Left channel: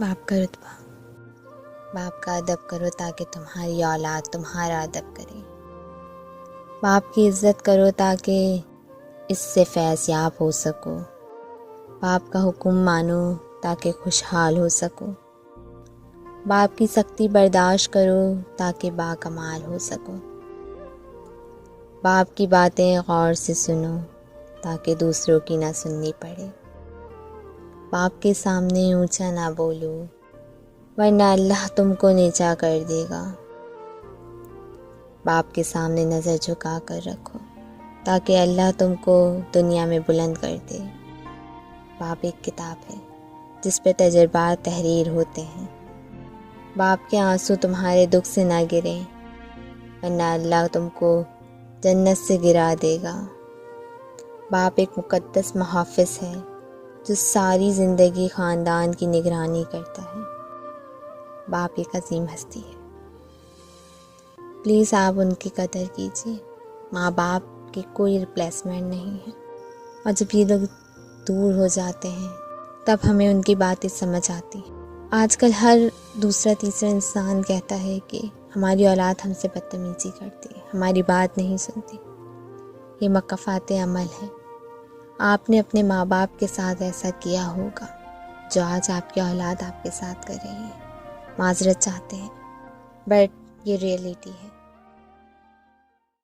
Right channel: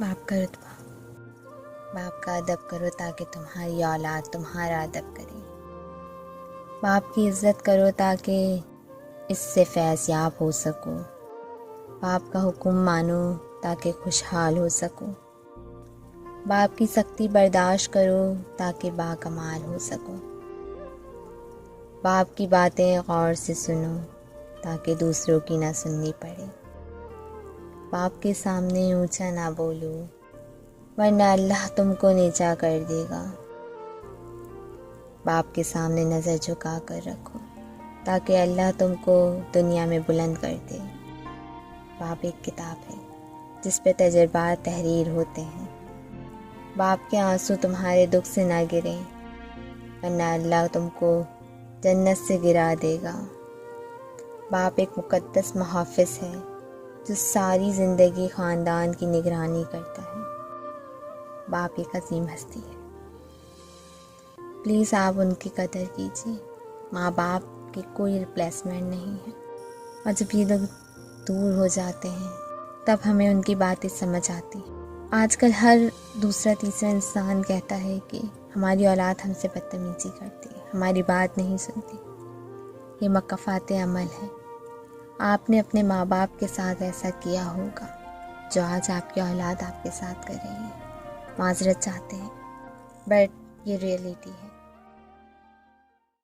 बाप का रुतबा। बाप का अदब करो ताकि तुम्हारी औलाद तुम्हारा अदब करे। बाप की इज़्ज़त करो ताकि इससे फैज़ याब हो सको। बाप का हुक्म मानो ताकि खुशहाल हो सको। बाप की सख्ती बर्दाश्त करो ताकि बाकमाल हो सको। बाप की बातें गौर से सुनो ताकि दूसरों की ना सुननी पड़े। बाप के सामने ऊंचा ना बोलो वरना अल्लाह तुमको नीचा कर देगा। बाप के सामने नज़र झुका कर रखो ताकि अल्लाह तुमको दुनिया में बुलंद कर दे। बाप एक किताब है जिस पे तजर्बात तहरीर होते हैं। बाप के आंसू तुम्हारे दुख से ना गिरें वरना अल्लाह तुमको जन्नत से गिरा देगा। बाप एक मुक़द्दस मुहाफ़िज़ है जो सारी ज़िंदगी ख़ानदान की निगरानी करता है। बाप एक अजीम हस्ती है, प्लीज़ आप उनकी कदर कीजिए। माँ बाप की कोई रिप्लेसमेंट नहीं है और जब ये लोग दूर हो जाते हैं तब हमें उनकी बातें समझ आती हैं। आजकल हर दूसरा तीसरा इंसान कहता है कि हमारी औलाद हमसे बदतमीज़ी करती है, हमारी बात नहीं सुनती। ये मकफ़ात अमल है। आपने अपने माँ बाप के साथ ऐसा किया होगा जो आज आपकी औलाद आपके साथ कर रही है। माज़रत चाहते हैं बट ये रियलिटी है।